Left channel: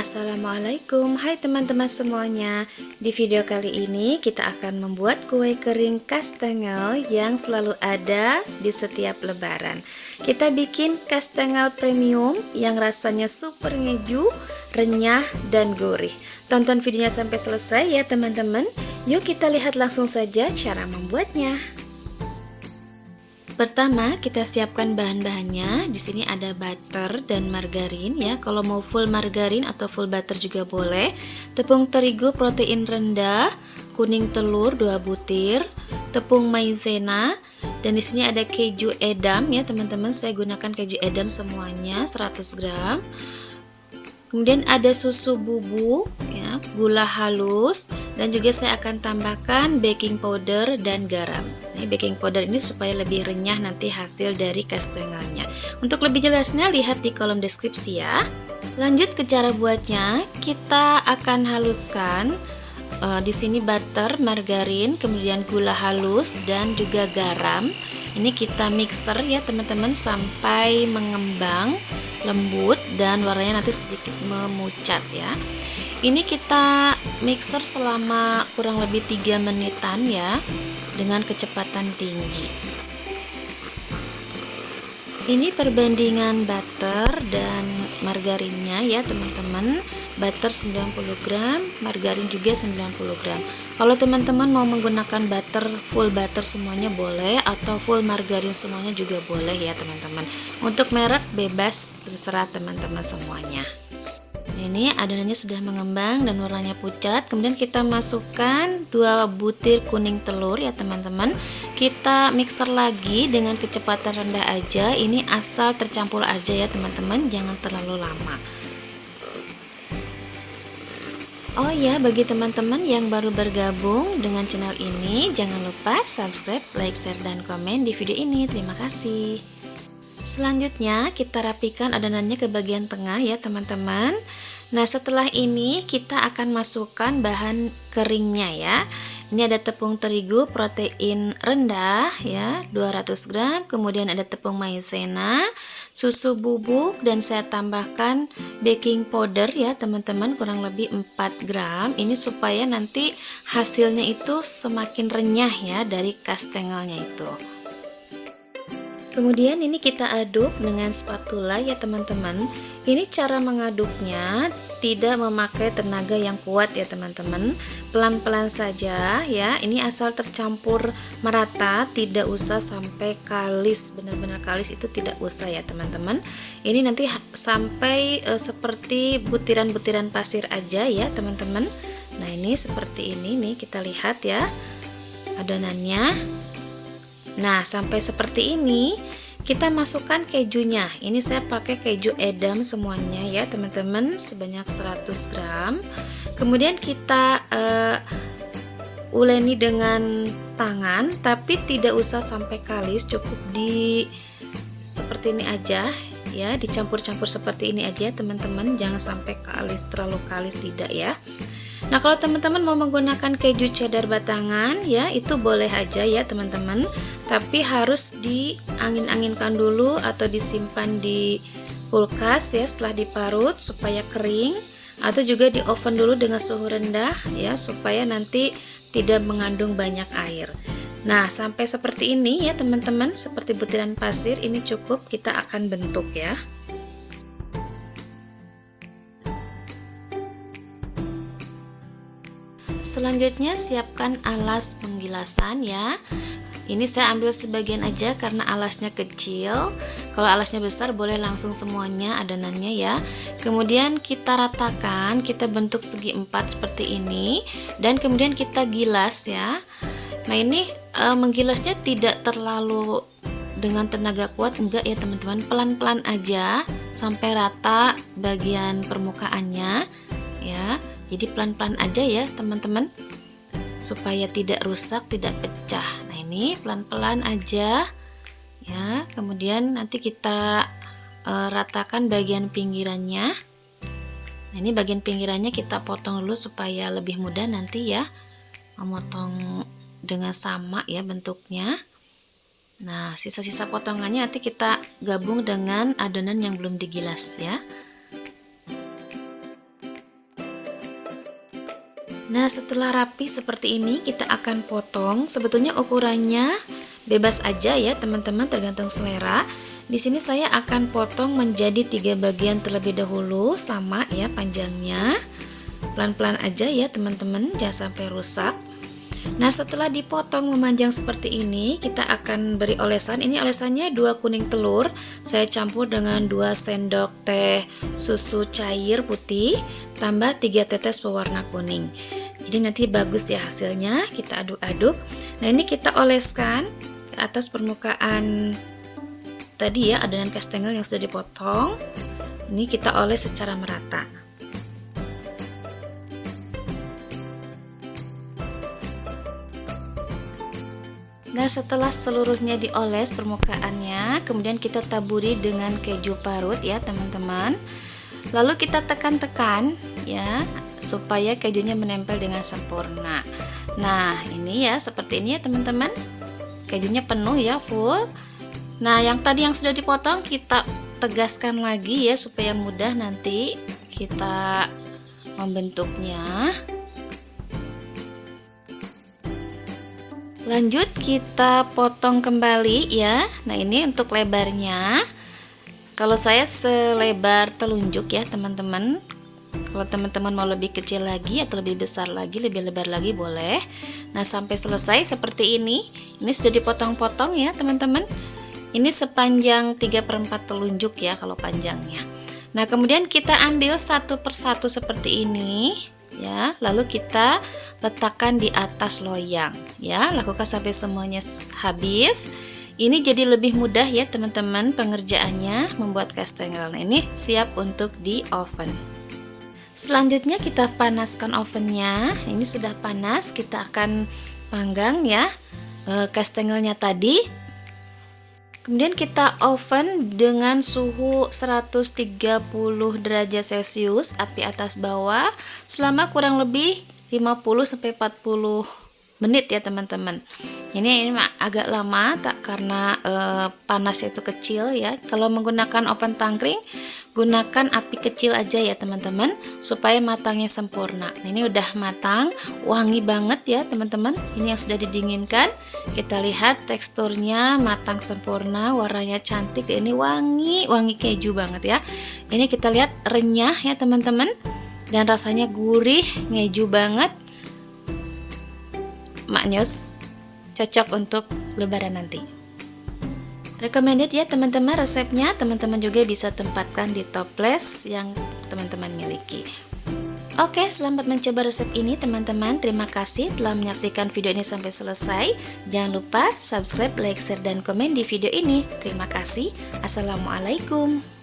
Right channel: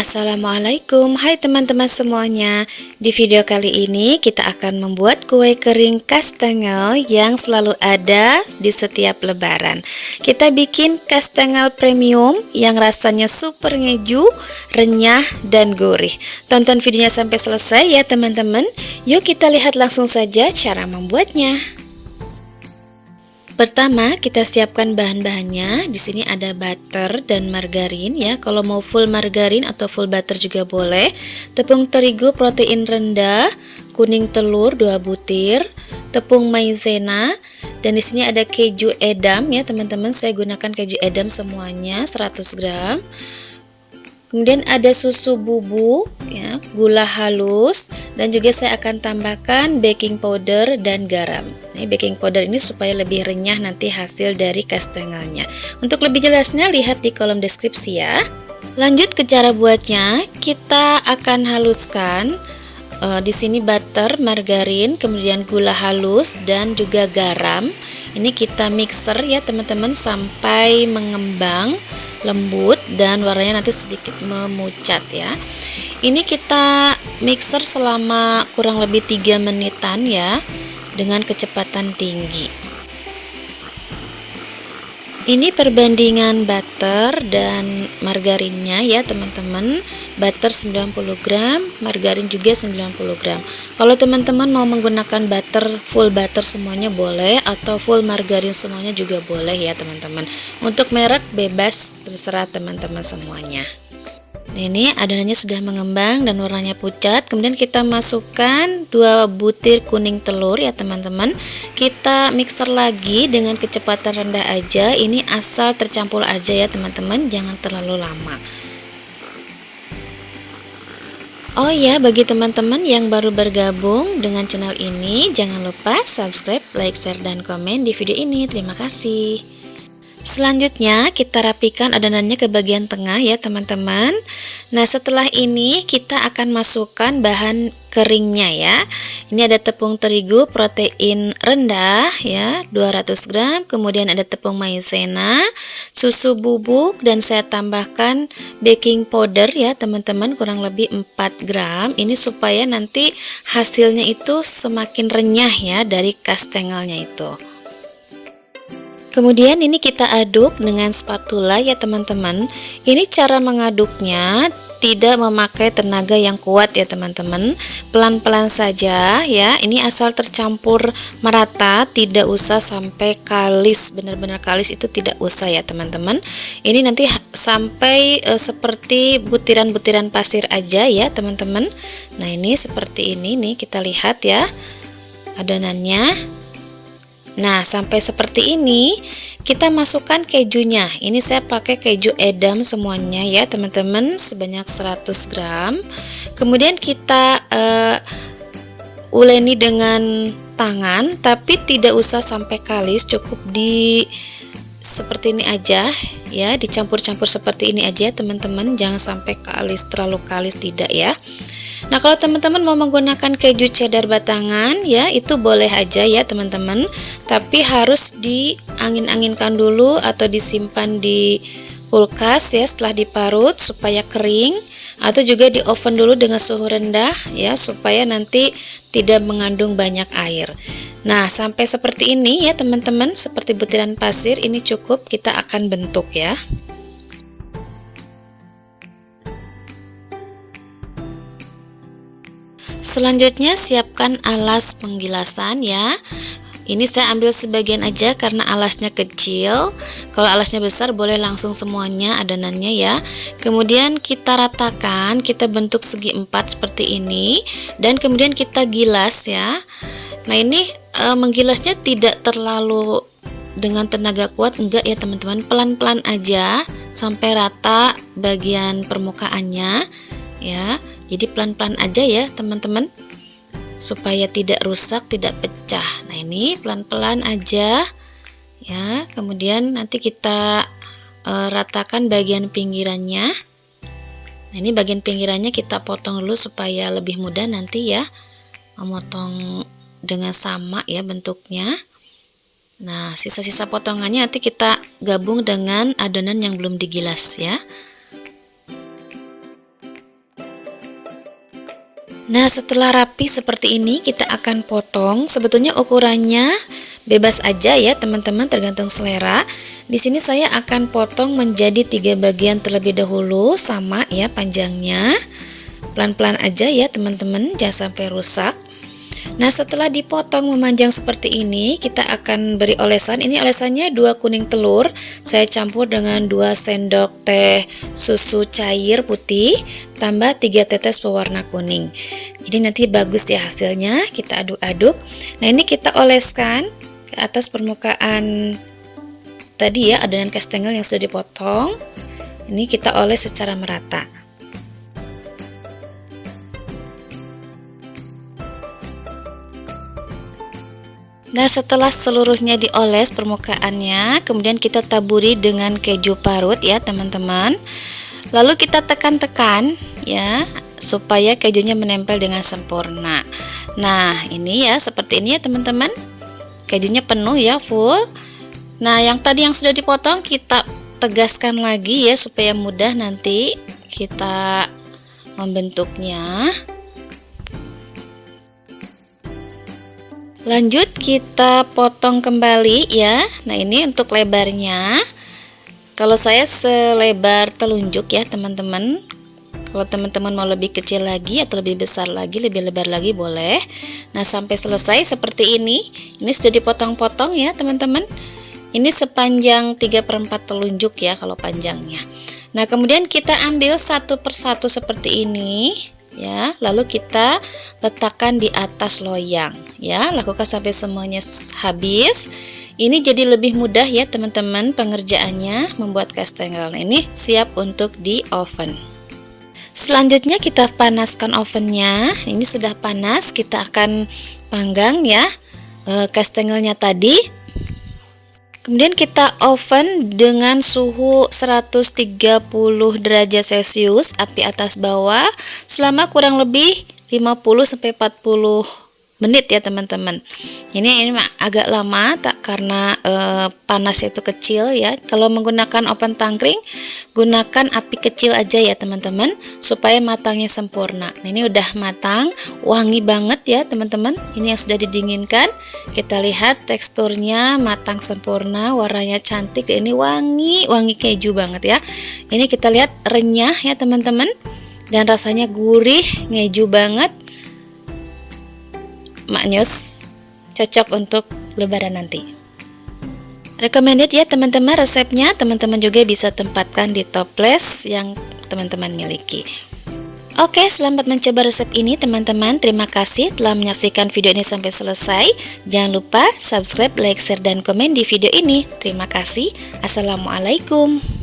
Assalamualaikum, hai teman-teman semuanya. Di video kali ini kita akan membuat kue kering kastengel yang selalu ada di setiap lebaran. Kita bikin kastengel premium yang rasanya super ngeju, renyah, dan gurih. Tonton videonya sampai selesai ya teman-teman. Yuk kita lihat langsung saja cara membuatnya. Pertama, kita siapkan bahan-bahannya. Di sini ada butter dan margarin ya. Kalau mau full margarin atau full butter juga boleh. Tepung terigu protein rendah, kuning telur 2 butir, tepung maizena, dan di sini ada keju edam ya, teman-teman. Saya gunakan keju edam semuanya 100 gram. Kemudian ada susu bubuk ya, gula halus, dan juga saya akan tambahkan baking powder dan garam. Ini baking powder ini supaya lebih renyah nanti hasil dari kastengelnya. Untuk lebih jelasnya lihat di kolom deskripsi ya. Lanjut ke cara buatnya, kita akan haluskan di sini butter, margarin, kemudian gula halus dan juga garam. Ini kita mixer ya teman-teman sampai mengembang, lembut, dan warnanya nanti sedikit memucat ya. Ini kita mixer selama kurang lebih 3 menitan ya, dengan kecepatan tinggi. Ini perbandingan butter dan margarinnya ya teman-teman. Butter 90 gram, margarin juga 90 gram. Kalau teman-teman mau menggunakan butter, full butter semuanya boleh, atau full margarin semuanya juga boleh ya teman-teman. Untuk merek bebas, terserah teman-teman semuanya. Nah, ini adonannya sudah mengembang dan warnanya pucat. Kemudian kita masukkan 2 butir kuning telur ya teman-teman. Kita mixer lagi dengan kecepatan rendah aja. Ini asal tercampur aja ya teman-teman, jangan terlalu lama. Oh ya, bagi teman-teman yang baru bergabung dengan channel ini, jangan lupa subscribe, like, share, dan komen di video ini. Terima kasih. Selanjutnya kita rapikan adonannya ke bagian tengah ya teman-teman. Nah, setelah ini kita akan masukkan bahan keringnya ya. Ini ada tepung terigu protein rendah ya 200 gram, kemudian ada tepung maizena, susu bubuk, dan saya tambahkan baking powder ya teman-teman kurang lebih 4 gram. Ini supaya nanti hasilnya itu semakin renyah ya dari kastengelnya itu. Kemudian ini kita aduk dengan spatula ya teman-teman. Ini cara mengaduknya tidak memakai tenaga yang kuat ya teman-teman. Pelan-pelan saja ya. Ini asal tercampur merata, tidak usah sampai kalis, benar-benar kalis itu tidak usah ya teman-teman. Ini nanti sampai seperti butiran-butiran pasir aja ya teman-teman. Nah, ini seperti ini nih, kita lihat ya adonannya. Nah, sampai seperti ini kita masukkan kejunya. Ini saya pakai keju edam semuanya ya teman-teman, sebanyak 100 gram. Kemudian kita uleni dengan tangan, tapi tidak usah sampai kalis, cukup di seperti ini aja ya, dicampur-campur seperti ini aja teman-teman, jangan sampai kalis, terlalu kalis tidak ya. Nah, kalau teman-teman mau menggunakan keju cheddar batangan ya, itu boleh aja ya teman-teman, tapi harus diangin-anginkan dulu atau disimpan di kulkas ya setelah diparut supaya kering, atau juga di oven dulu dengan suhu rendah ya supaya nanti tidak mengandung banyak air. Nah, sampai seperti ini ya teman-teman, seperti butiran pasir, ini cukup, kita akan bentuk ya. Selanjutnya siapkan alas penggilasan ya. Ini saya ambil sebagian aja karena alasnya kecil. Kalau alasnya besar boleh langsung semuanya adonannya ya. Kemudian kita ratakan, kita bentuk segi 4 seperti ini, dan kemudian kita gilas ya. Nah, ini menggilasnya tidak terlalu dengan tenaga kuat, enggak ya teman-teman, pelan-pelan aja sampai rata bagian permukaannya ya. Jadi pelan-pelan aja ya teman-teman, supaya tidak rusak, tidak pecah. Nah, ini pelan-pelan aja ya. Kemudian nanti kita ratakan bagian pinggirannya. Nah, ini bagian pinggirannya kita potong dulu supaya lebih mudah nanti ya memotong dengan sama ya bentuknya. Nah, sisa-sisa potongannya nanti kita gabung dengan adonan yang belum digilas ya. Nah, setelah rapi seperti ini, kita akan potong. Sebetulnya ukurannya bebas aja ya teman-teman, tergantung selera. Di sini saya akan potong menjadi 3 bagian terlebih dahulu, sama ya panjangnya. Pelan-pelan aja ya teman-teman, jangan sampai rusak. Nah, setelah dipotong memanjang seperti ini, kita akan beri olesan. Ini olesannya 2 kuning telur. Saya campur dengan 2 sendok teh susu cair putih, tambah 3 tetes pewarna kuning. Jadi nanti bagus ya hasilnya. Kita aduk-aduk. Nah, ini kita oleskan ke atas permukaan tadi ya, adonan kastengel yang sudah dipotong. Ini kita oles secara merata. Nah, setelah seluruhnya dioles permukaannya, kemudian kita taburi dengan keju parut ya teman-teman. Lalu kita tekan-tekan ya, supaya kejunya menempel dengan sempurna. Nah, ini ya, seperti ini ya teman-teman. Kejunya penuh ya, full. Nah, yang tadi yang sudah dipotong kita tegaskan lagi ya, supaya mudah nanti kita membentuknya. Lanjut kita potong kembali ya. Nah, ini untuk lebarnya. Kalau saya selebar telunjuk ya teman-teman. Kalau teman-teman mau lebih kecil lagi atau lebih besar lagi, lebih lebar lagi boleh. Nah, sampai selesai seperti ini. Ini sudah dipotong-potong ya teman-teman. Ini sepanjang 3/4 telunjuk ya kalau panjangnya. Nah, kemudian kita ambil satu persatu seperti ini ya, lalu kita letakkan di atas loyang ya, lakukan sampai semuanya habis. Ini jadi lebih mudah ya teman-teman pengerjaannya membuat kastengel. Nah, ini siap untuk di oven. Selanjutnya kita panaskan ovennya. Ini sudah panas, kita akan panggang ya kastengelnya tadi. Kemudian kita oven dengan suhu 130 derajat Celcius, api atas bawah, selama kurang lebih 50-40 menit ya teman-teman. Ini agak lama karena panasnya itu kecil ya. Kalau menggunakan oven tangkring, gunakan api kecil aja ya teman-teman, supaya matangnya sempurna. Nah, ini udah matang, wangi banget ya teman-teman. Ini yang sudah didinginkan. Kita lihat teksturnya matang sempurna, warnanya cantik. Ini wangi keju banget ya. Ini kita lihat renyah ya teman-teman, dan rasanya gurih, ngeju banget. Maknyus, cocok untuk lebaran nanti. Recommended ya teman-teman resepnya. Teman-teman juga bisa tempatkan di toples yang teman-teman miliki. Oke, selamat mencoba resep ini teman-teman. Terima kasih telah menyaksikan video ini sampai selesai. Jangan lupa subscribe, like, share, dan komen di video ini. Terima kasih. Assalamualaikum.